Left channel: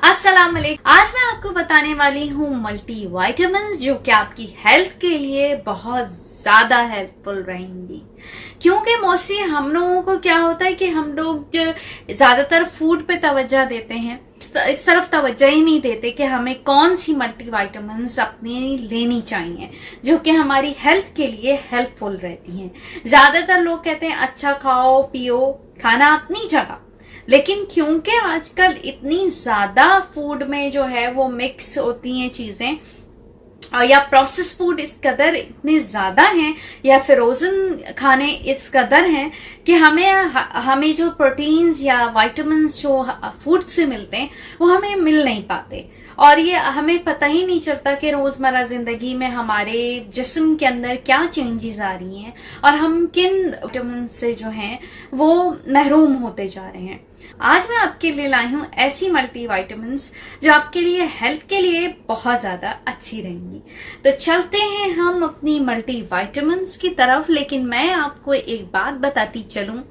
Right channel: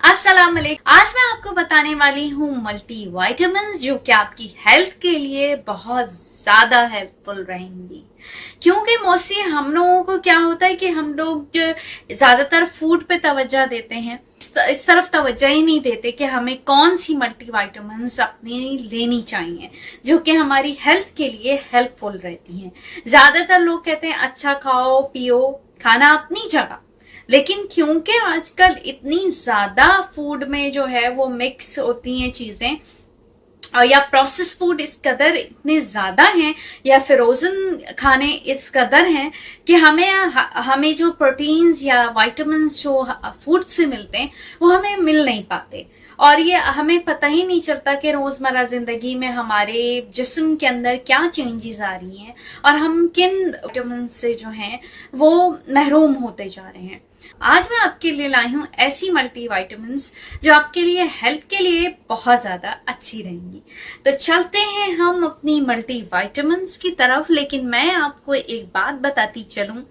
अस्सलाम वालेकुम। आज मैं आपको बताने वाली हूँ मल्टी वाइटामिन जो कि आपकी हेल्थ के लिए बहुत ज्यादा हेल्पफुल रहेंगी। क्योंकि मोस्टली हम लोगों को क्या होता है कि हम लोग ज्यादातर फूड पे तवज्जो देते हैं, इस तरफ तवज्जो ही नहीं देते कि हमें कौन सी मल्टी वाइटामिन अपनी लेनी चाहिए जो कि हमारी हेल्थ के लिए हेल्पफुल रहती हैं। ज्यादातर लोग कहते हैं अच्छा खाओ पियो, खाना अपनी जगह, लेकिन क्योंकि आजकल इतनी ज्यादा फूड में जो है वो मिक्स होती हैं चीजें, और या प्रोसेस फूड इस कदर इतने ज्यादा हैं या फ्रोजन खाने इस कदर हैं कि हमें जो प्रोटीन्स या विटामिन्स जो फूड से मिलते हैं वो हमें मिल नहीं पाते। और ये हमें पता ही नहीं चलता कि रोजमर्रा जिंदगी में हमारे जिस्म के अंदर क्या चेंजेस आ रही हैं और हम किन विटामिन से जो हैं वो महरूम होते जा रहे हैं। आज मैं आपके लिए लाई हूं ऐसी मल्टी वाइटामिन्स जो आपके लिए हेल्थ के लिए बहुत ज्यादा अच्छी रहेंगी। तो चलते हैं हम अपनी मल्टी वाइटामिन्स की तरफ। लेकिन मैं आपको एक बात बताती चलूं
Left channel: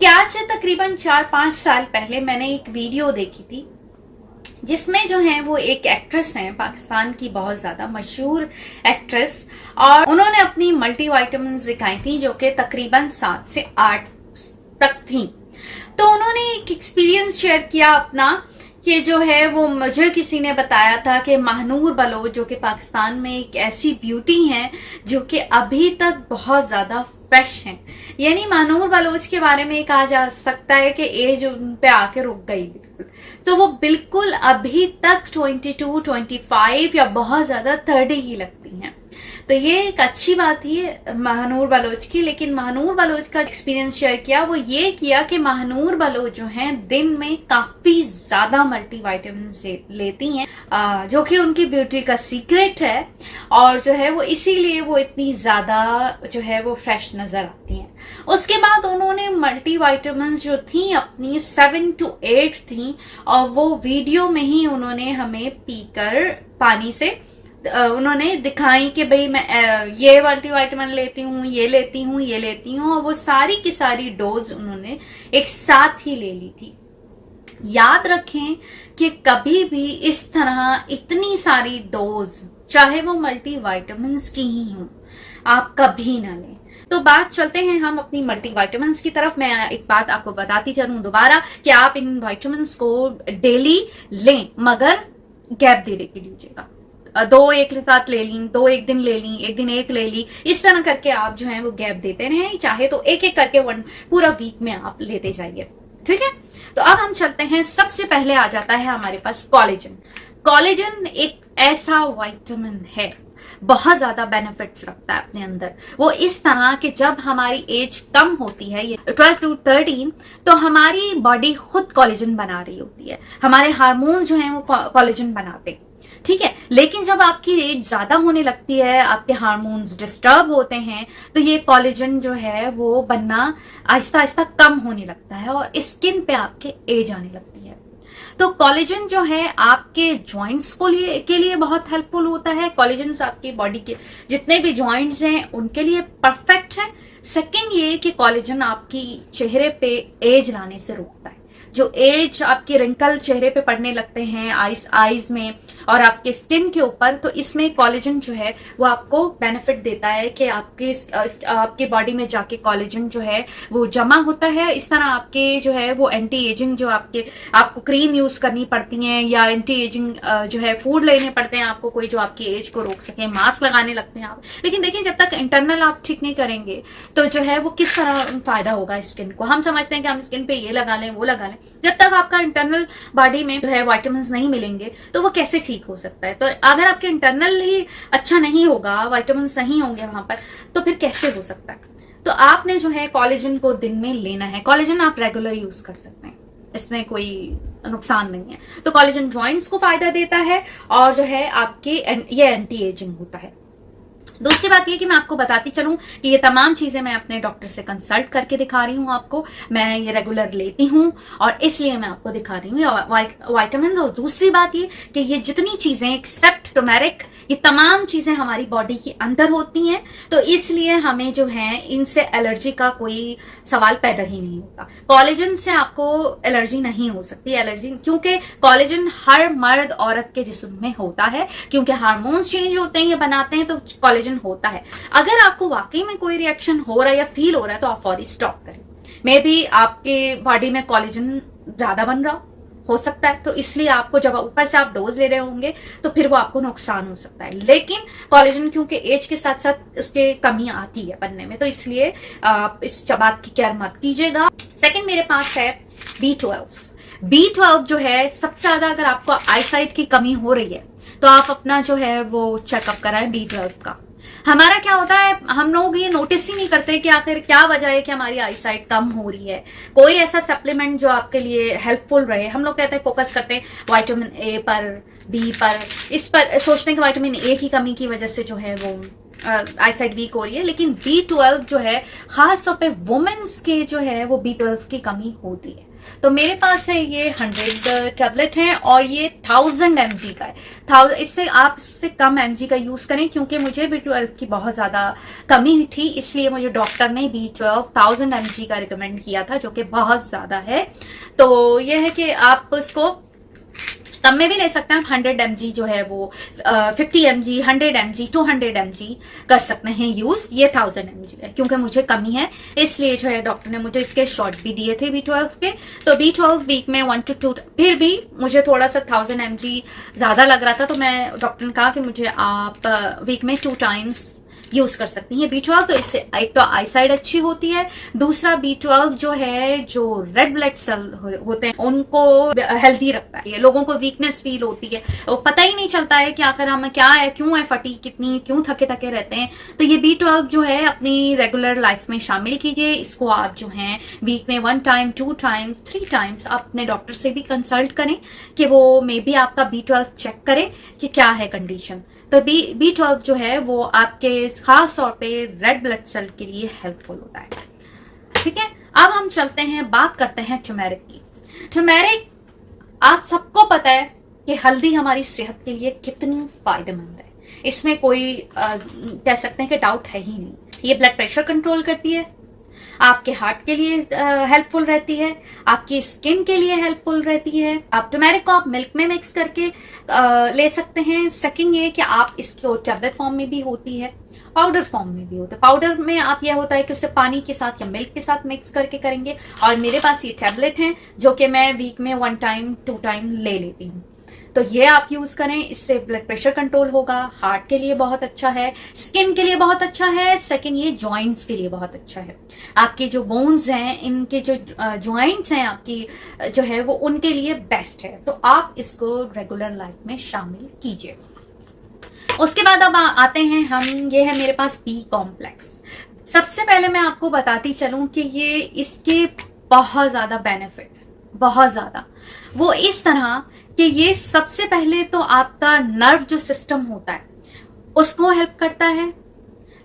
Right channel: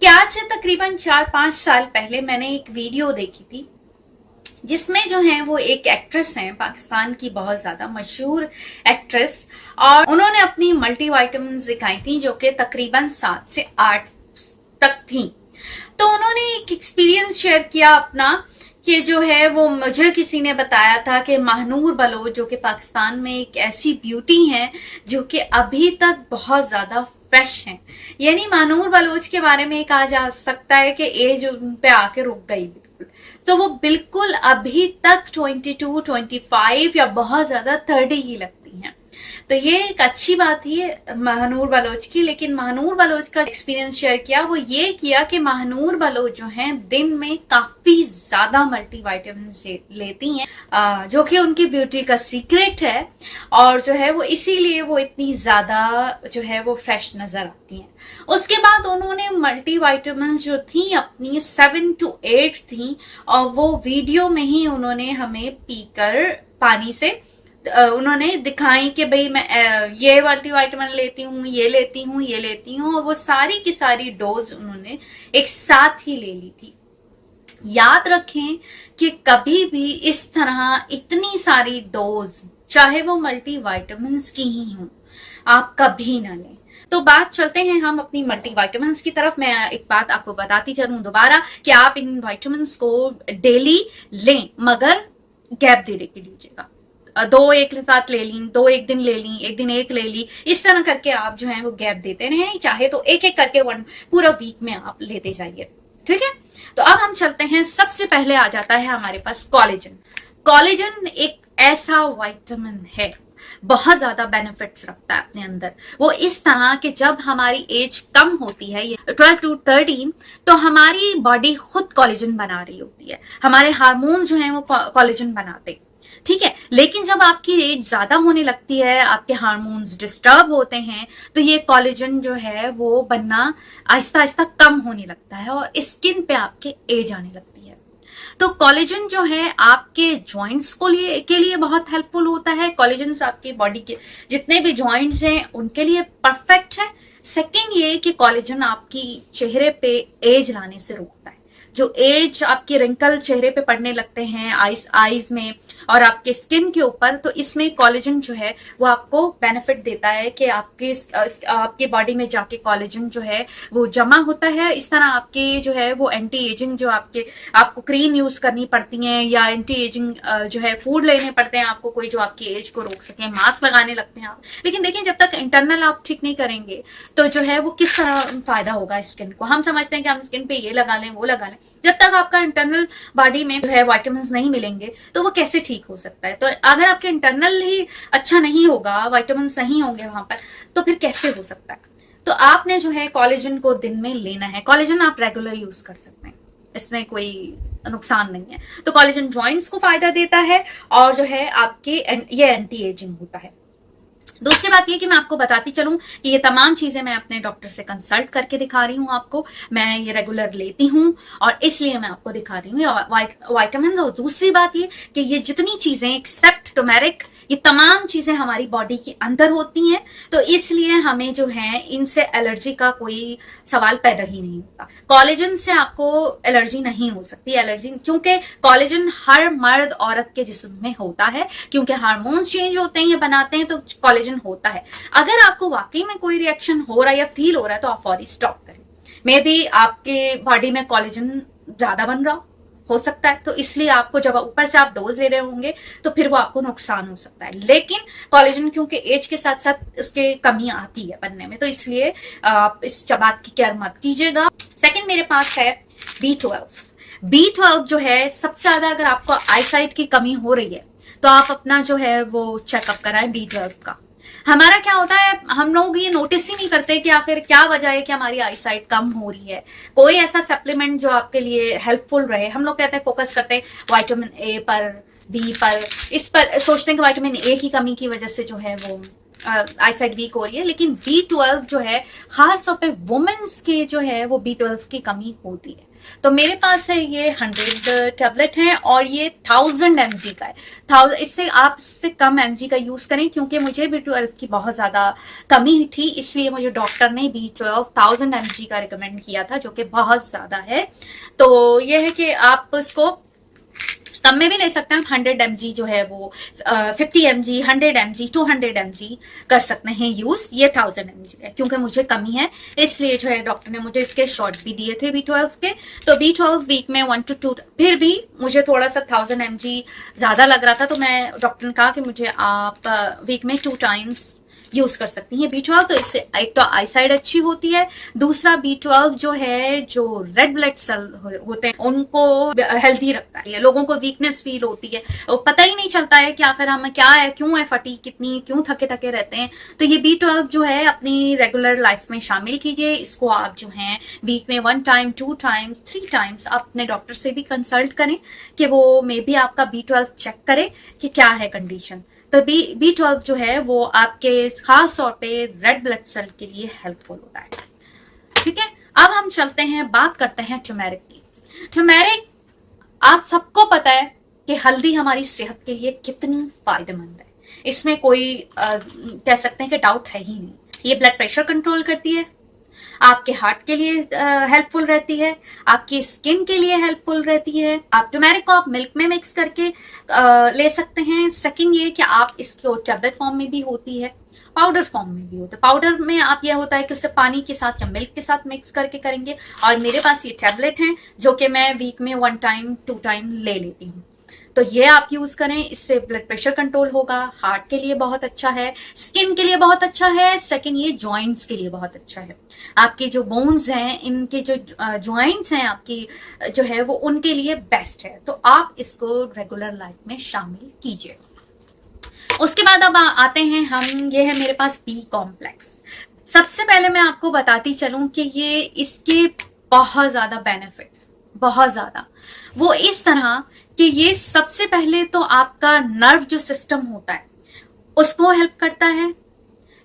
कि आज से तकरीबन 4-5 साल पहले मैंने एक वीडियो देखी थी जिसमें जो है वो एक एक्ट्रेस हैं, पाकिस्तान की बहुत ज्यादा मशहूर एक्ट्रेस, और उन्होंने अपनी मल्टी वाइटामिन्स दिखाई थी जो कि तकरीबन 7 से 8 तक थी। तो उन्होंने एक एक्सपीरियंस शेयर किया अपना कि जो है वो मुझे किसी ने बताया था कि महानूर बलोच जो कि पाकिस्तान में एक ऐसी ब्यूटी है जो कि अभी तक बहुत ज्यादा फ्रेश है। यानी महानूर बलोच के बारे में कहा जा सकता है कि एज उन पे आके रुक गई बिल्कुल, तो वो बिल्कुल अभी तक 22, 25 या बहुत ज्यादा 30 ही लगती हैं। तो ये एक अच्छी बात थी महानूर बलोच की। लेकिन महानूर बलोच का एक्सपीरियंस शेयर किया, वो ये किया कि महानूर बलोच जो हैं दिन में काफी ज्यादा मल्टी वाइटामिन लेती हैं जो कि उनकी ब्यूटी का सीक्रेट है, और जो है वो इसीलिए वो इतनी ज्यादा जो है वो फ्रेश नजर आती हैं। उसके बाद उन्होंने मल्टी वाइटामिन जो थी अपनी 7 to 8 थी, और वो वीडियो में ही उन्होंने हमें पीकर पानी से उन्होंने दिखाई कि भाई मैं ये मल्टी वाइटामिन लेती हूँ, ये लेती हूँ, ये लेती हूँ, और वो सारी की सारी डोज उन्होंने एक साथ ही ले ली थी। याद रखें कि कभी भी इस तरह इतनी सारी डोज, चाहे वो मल्टी वाइटामिन की ही हो, आप कभी ना लें। तो बात चलते हैं हम अपनी मल्टी वाइटामिन की तरफ। मैं एक बात आपको बताती चलूं दोबारा कि आप इन वाइटामिन को डेली लें, मगर गैप दे के लीजिएगा। 2 एक साथ ले ली, 2 एक दिन ले ली, एक दिन एक ले ली, इस तरह करके आप जो है वो गैप देते रहें। चाहे तो एक एक करके पूरा वीक में आप लेते जाइए, ठीक है। तो अब हम चलते हैं, सबसे पहले आ जाता है हमारे पास कोलेजन। कोलेजन एक ऐसा विटामिन है, बहुत ज्यादा बेनिफिट्स रखता है अपने अंदर। वो इस तरह कि जब हमारी एज कम होती है, ये 12 to 13, तो हमारी बॉडी खुद कोलेजन बना रही होती है, हमारे हार्मोन जो है वो कोलेजन बनाते हैं, ठीक है। लेकिन जब आपकी एज ज्यादा होने लगती है, आपके हार्मोन्स डिस्टर्ब होते हैं, तो ये कोलेजन जो है वो बनना आहिस्ता आहिस्ता कम होने लगता है और स्किन पे आपके एज आने लगती है। तो कोलेजन जो है आपके जॉइंट्स के लिए बहुत हेल्पफुल होता है। कोलेजन आपकी बॉडी के जितने भी जॉइंट्स हैं उनके लिए परफेक्ट है। सेकेंड ये कि कोलेजन आपकी चेहरे पे एज लाने से रोकता है। जो एज आपके रिंकल चेहरे पे पड़ने लगते हैं आईज में और आपके स्किन के ऊपर, तो इसमें कोलेजन जो है वो आपको बेनिफिट देता है कि आपकी बॉडी में जाके कोलेजन जो है वो जमा होता है। इस तरह आपके जो है वो एंटी एजिंग जो आपको क्रीम यूज करनी पड़ती है या एंटी एजिंग जो है फूड लेने पड़ते हैं आपको, कोई जो आपकी एज को रोक सके, मास्क लगाने लगते हैं आप। लेकिन देखिए, जब तक इंटरनल आप ठीक नहीं करेंगे तो जो है वो किस तरह फायदा होगा स्किन को। हम समझते हैं कि हम स्किन पे ये लगा लें वो लगा लें, जब तक आपका इंटरनल बॉडी में जो है विटामिन नहीं मिलेंगे तो वो कैसे ठीक हो सकता है। तो अगर आपके इंटरनल ही अच्छा नहीं होगा, विटामिन नहीं होंगे वहां पर, तो फिर कैसे हो सकता है। तो आपने जो है कोलेजन को दिन में लेना है। कोलेजन आप रेगुलर यूज कर सकते हैं, इसमें कोई नुकसान नहीं है। तो कोलेजन जॉइंट्स को फायदा देता है और जो है आपके ये एंटी एजिंग होता है। दूसरी बात ये कि मैं आपको बताती चलूं कि ये तमाम चीजें मैं अपने डॉक्टर से कंसल्ट करके दिखा रही हूं आपको। मैं ये रेगुलर लेती हूं और इसलिए मैं आपको दिखा रही हूँ विटामिन। और दूसरी बात ये कि ये जितनी चीजें एक्सेप्ट टर्मेरिक, ये तमाम चीजें हमारी बॉडी के अंदर होती हैं, तो इसलिए हमें जो है इनसे एलर्जी का कोई सवाल पैदा ही नहीं होता। कोलेजन से आपको एलर्जी नहीं हो सकती, एलर्जी क्योंकि कोलेजन हर मर्द औरत के जिस्म में होता है, क्योंकि हार्मोन्स चेंज होते हैं, ये बनाते हैं, तो कोलेजन होता है। अगर आपको वाकई में कोई रिएक्शन हो रहा है या फील हो रहा है तो आप फौरी स्टॉप करें। मे बी आपके बॉडी में कोलेजन ज्यादा बन रहा हो सकता है, तो इसलिए आपको जब ऊपर से आप डोज ले रहे होंगे तो फिर वो आपको नुकसान हो सकता है। लेकिन कोलेजन क्योंकि एज के साथ साथ उसके कमी आती है बनने में, तो इसलिए आप इस बात की केयर मत कीजिएगा। सेकंड मेरे पास है B12। B12 जो है सबसे ज्यादा, अगर आपको आईसाइट की कमी हो रही है तो आप अपना जो है वो चेकअप कराएं B12 का। हमारा क्या होता है, हम लोग ये नोटिस ही नहीं करते कि आखिर क्या वजह है कि हमारी आईसाइट कम हो रही है। कोई ऐसा सप्लीमेंट जो आपके लिए हेल्पफुल रहे, हम लोग कहते हैं फोकस करते हैं विटामिन ए पर, बी पर, इस पर सोचते हैं कि विटामिन ए की कमी की वजह से जो है वो आईसाइट वीक हो रही है। लेकिन B12 जो है खास तौर पे वुमेन्स की जो है वो B12 की कमी होती है। तो मेरे पास है ये 100 टैबलेट है और ये 1000 mg का है। 1000, इससे आप इससे कम mg का यूज करें, क्योंकि मुझे B12 की बहुत ज्यादा कमी थी, इसलिए मुझे डॉक्टर ने B12 1000 mg का रिकमेंड किया था, जो कि बहुत ज्यादा है। तो ये है कि आप इसको कम में भी ले सकते हैं। आप 100 mg जो है वो 50 mg, 100 mg, 200 mg कर सकते हैं यूज। ये 1000 mg है, क्योंकि मुझे कमी है इसलिए जो है डॉक्टर ने मुझे इसके शॉट भी दिए थे B12 के। तो B12 वीक में 1 to 2, फिर भी मुझे थोड़ा सा 1000 mg ज्यादा लग रहा था, तो मैं डॉक्टर ने कहा कि मुझे आप वीक में 2 टाइम्स यूज कर सकती हैं B12। तो इससे एक तो आईसाइट अच्छी होती है, दूसरा B12 जो है जो रेड ब्लड सेल होते हैं उनको हेल्थी रखता है। लोगों को वीकनेस फील होती है, वो पता ही नहीं चलता है कि आखिर हमें क्या है, क्यों है फटीग कितनी, क्यों थके थके रहते हैं। तो ये B12 जो है अपनी रेगुलर लाइफ में शामिल कीजिए। इसको आप जो है वीक में 1 टाइम, 2 टाइम्स, 3 टाइम्स आप अपने डॉक्टर से भी कंसल्ट करें कि वो मे बी आपका B12 चेक करे कि क्या है कंडीशन। तो B12 जो है वो आपके खास तौर पे रेड ब्लड सेल के लिए हेल्पफुल होता है। ठीक है, अब हम चलते हैं, बात करते हैं टर्मेरिक की। टर्मेरिक, आप सबको पता है कि हल्दी हमारी सेहत के लिए कितनी फायदेमंद है, इसमें कोई कह सकते हैं कि डाउट है ही नहीं। ये ब्लड प्रेशर कंट्रोल करती है, आपके हार्ट के लिए हेल्पफुल रहती है, आपकी स्किन के लिए हेल्पफुल रहती है। आप टर्मेरिक को आप मिल्क में मिक्स करके ले सकते हैं। सेकंड ये कि आप इसको टैबलेट फॉर्म में भी होती है, पाउडर फॉर्म में भी होता है। पाउडर में आप यह होता है कि उसे पानी के साथ या मिल्क के साथ मिक्स करके करेंगे, और मेरे पास ये टैबलेट है जो कि मैं वीक में 1 टाइम 2 टाइम ले लेती हूँ। तो ये आप यूज करें, इससे ब्लड प्रेशर कंट्रोल होगा, हार्ट के लिए बहुत अच्छा है, स्किन के लिए बहुत अच्छा है। सेकंड ये जॉइंट्स के लिए बहुत अच्छा है। आपके जो बोन्स हैं, इनके जो जॉइंट्स हैं आपकी जो है वो उनके लिए बेस्ट है। तो आप इसको रेगुलर लाइफ में शामिल कीजिए। उसके बाद अब आते हैं हम, ये है मेरे पास बी कॉम्प्लेक्स। सबसे पहले मैं आपको बताती चलूं कि ये इसके बहुत ज्यादा बेनिफिट, बहुत ज्यादा, वो इस तरह कि ये सबसे पहले तो आपका नर्व जो सिस्टम होता है उसको हेल्प करता है,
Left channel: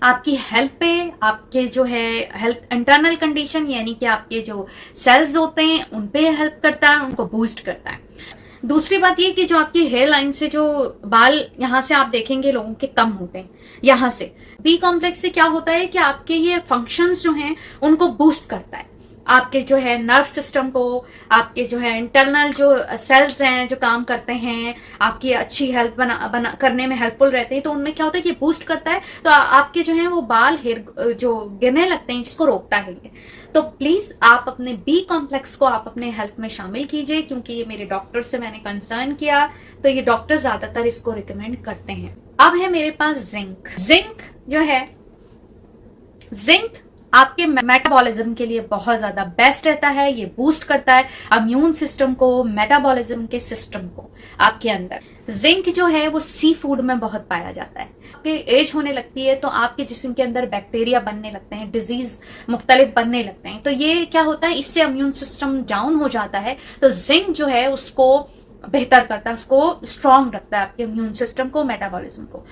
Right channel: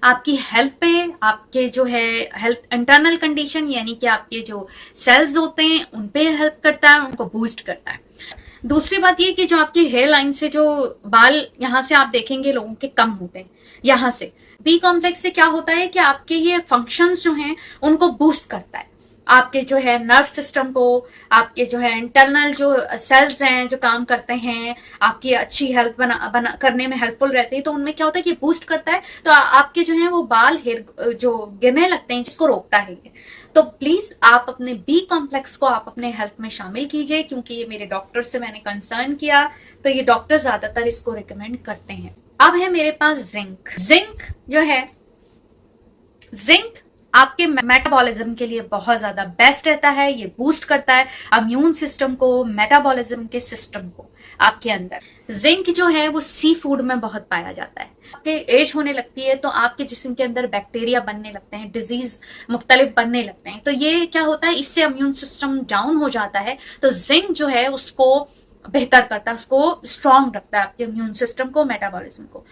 आपकी हेल्थ पे, आपके जो है हेल्थ इंटरनल कंडीशन यानी कि आपके जो सेल्स होते हैं उन पे हेल्प करता है, उनको बूस्ट करता है। दूसरी बात ये कि जो आपकी हेयर लाइन से जो बाल यहां से आप देखेंगे लोगों के कम होते हैं, यहां से बी कॉम्प्लेक्स से क्या होता है कि आपके ये फंक्शंस जो हैं उनको बूस्ट करता है। आपके जो है नर्व सिस्टम को, आपके जो है इंटरनल जो सेल्स हैं जो काम करते हैं, आपकी अच्छी हेल्थ बना करने में हेल्पफुल रहते हैं, तो उनमें क्या होता है कि बूस्ट करता है। तो आपके जो है वो बाल हेयर जो गिरने लगते हैं जिसको रोकता है ये। तो प्लीज आप अपने बी कॉम्प्लेक्स को आप अपने हेल्थ में शामिल कीजिए, क्योंकि ये मेरे डॉक्टर से मैंने कंसर्न किया तो ये डॉक्टर ज्यादातर इसको रिकमेंड करते हैं। अब है मेरे पास जिंक। जिंक जो है, जिंक आपके मेटाबॉलिज्म के लिए बहुत ज्यादा बेस्ट रहता है। ये बूस्ट करता है इम्यून सिस्टम को, मेटाबॉलिज्म के सिस्टम को आपके अंदर। जिंक जो है वो सी फूड में बहुत पाया जाता है। आपकी एज होने लगती है तो आपके जिस्म के अंदर बैक्टीरिया बनने लगते हैं, डिजीज मुख्तलिफ बनने लगते हैं। तो ये क्या होता है, इससे इम्यून सिस्टम डाउन हो जाता है। तो जिंक जो है उसको बेहतर करता है, उसको स्ट्रांग रखता है आपके इम्यून सिस्टम को, मेटाबॉलिज्म को।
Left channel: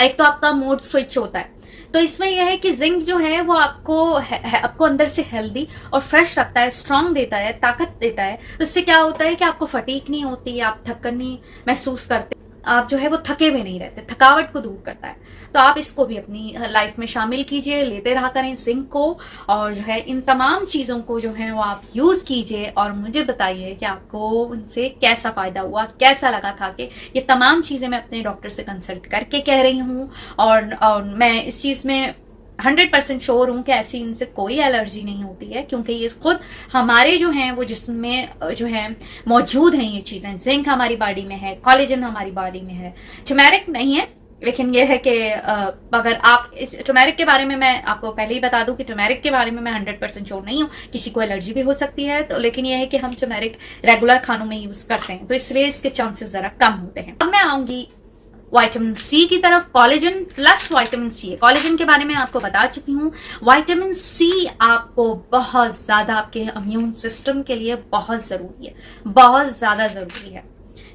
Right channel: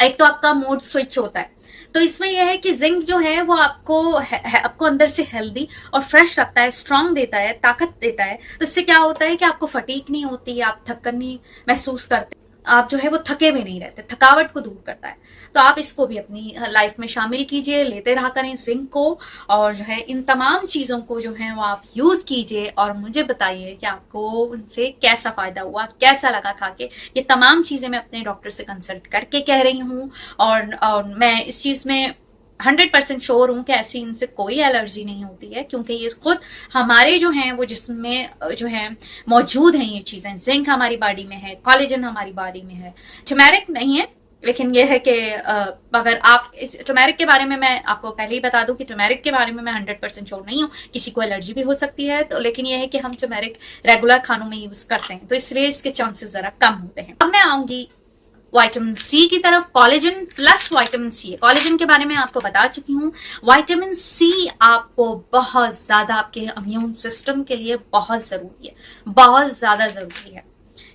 एक तो आपका मूड स्विच होता है, तो इसमें यह है कि जिंक जो है वो आपको अंदर से हेल्दी और फ्रेश रखता है, स्ट्रांग देता है, ताकत देता है। तो इससे क्या होता है कि आपको फटीग नहीं होती, आप थकन नहीं महसूस करते। आप जो है वो थके भी नहीं रहते, थकावट को दूर करता है। तो आप इसको भी अपनी लाइफ में शामिल कीजिए, लेते रहा करें जिंक को, और जो है इन तमाम चीजों को जो है वो आप यूज कीजिए और मुझे बताइए कि आपको उनसे कैसा फायदा हुआ, कैसा लगा खा के। ये तमाम चीजें मैं अपने डॉक्टर से कंसल्ट करके कह रही हूँ, और मैं इस चीज में 100% श्योर हूं कि ऐसी इनसे कोई एलर्जी नहीं होती है, क्योंकि ये खुद हमारे जो हैं वो जिस्म में जो है मौजूद हैं ये चीजें। जिंक हमारी बॉडी में है, कोलेजन हमारी बॉडी में है, टर्मेरिक नहीं है। लेकिन यह है कि अगर आप इस टर्मेरिक के बारे में मैं आपको पहले ही बता दूं कि टर्मेरिक के बारे में मैं 100% श्योर नहीं हूं, किसी को एलर्जी भी हो सकती है। तो लेकिन यह है कि हम टर्मेरिक रेगुलर खानों में यूज करते हैं, तो इसलिए इसके चांसेस जरा कम होते हैं। अब मैं आऊंगी विटामिन सी की तरफ। Collagen plus vitamin C, collagen के बारे में आपको बता चुकी हूँ। विटामिन सी आपको बहुत ज्यादा आपके इम्यून सिस्टम के लिए बहुत जरूरी है, बहुत ज्यादा जरूरी है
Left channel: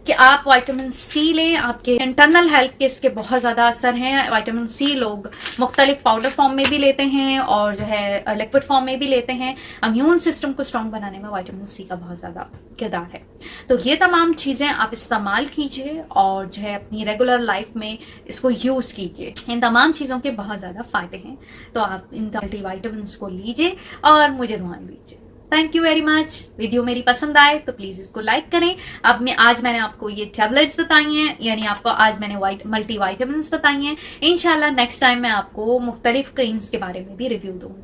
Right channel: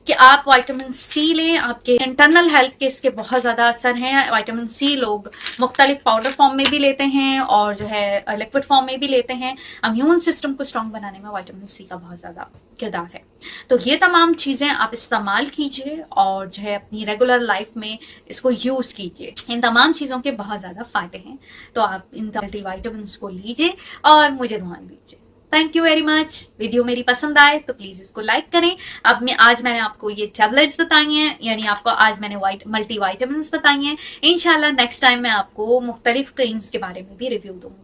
कि आप विटामिन सी लें। आपके इंटरनल हेल्थ के इसके बहुत ज्यादा असर हैं। विटामिन सी लोग मुख्तलिफ पाउडर फॉर्म में भी लेते हैं और जो है लिक्विड फॉर्म में भी लेते हैं। इम्यून सिस्टम को स्ट्रांग बनाने में विटामिन सी का बहुत ज्यादा किरदार है। तो ये तमाम चीजें आप इस्तेमाल कीजिए और जो है अपनी रेगुलर लाइफ में इसको यूज कीजिए। इन तमाम चीजों के बहुत ज्यादा फायदे हैं, तो आप इन मल्टीविटामिन को लीजिए और मुझे दुआएं दीजिए। Thank you very much. Video मेरी पसंद आए तो प्लीज इसको लाइक करें। अब आज मैंने आपको ये टैबलेट्स बताई हैं, यानी आपको आज मैंने मल्टी विटामिन बताई हैं। इंशाल्लाह नेक्स्ट टाइम मैं आपको मुख्तलिफ क्रीम्स के बारे में भी रिव्यू दूंगी।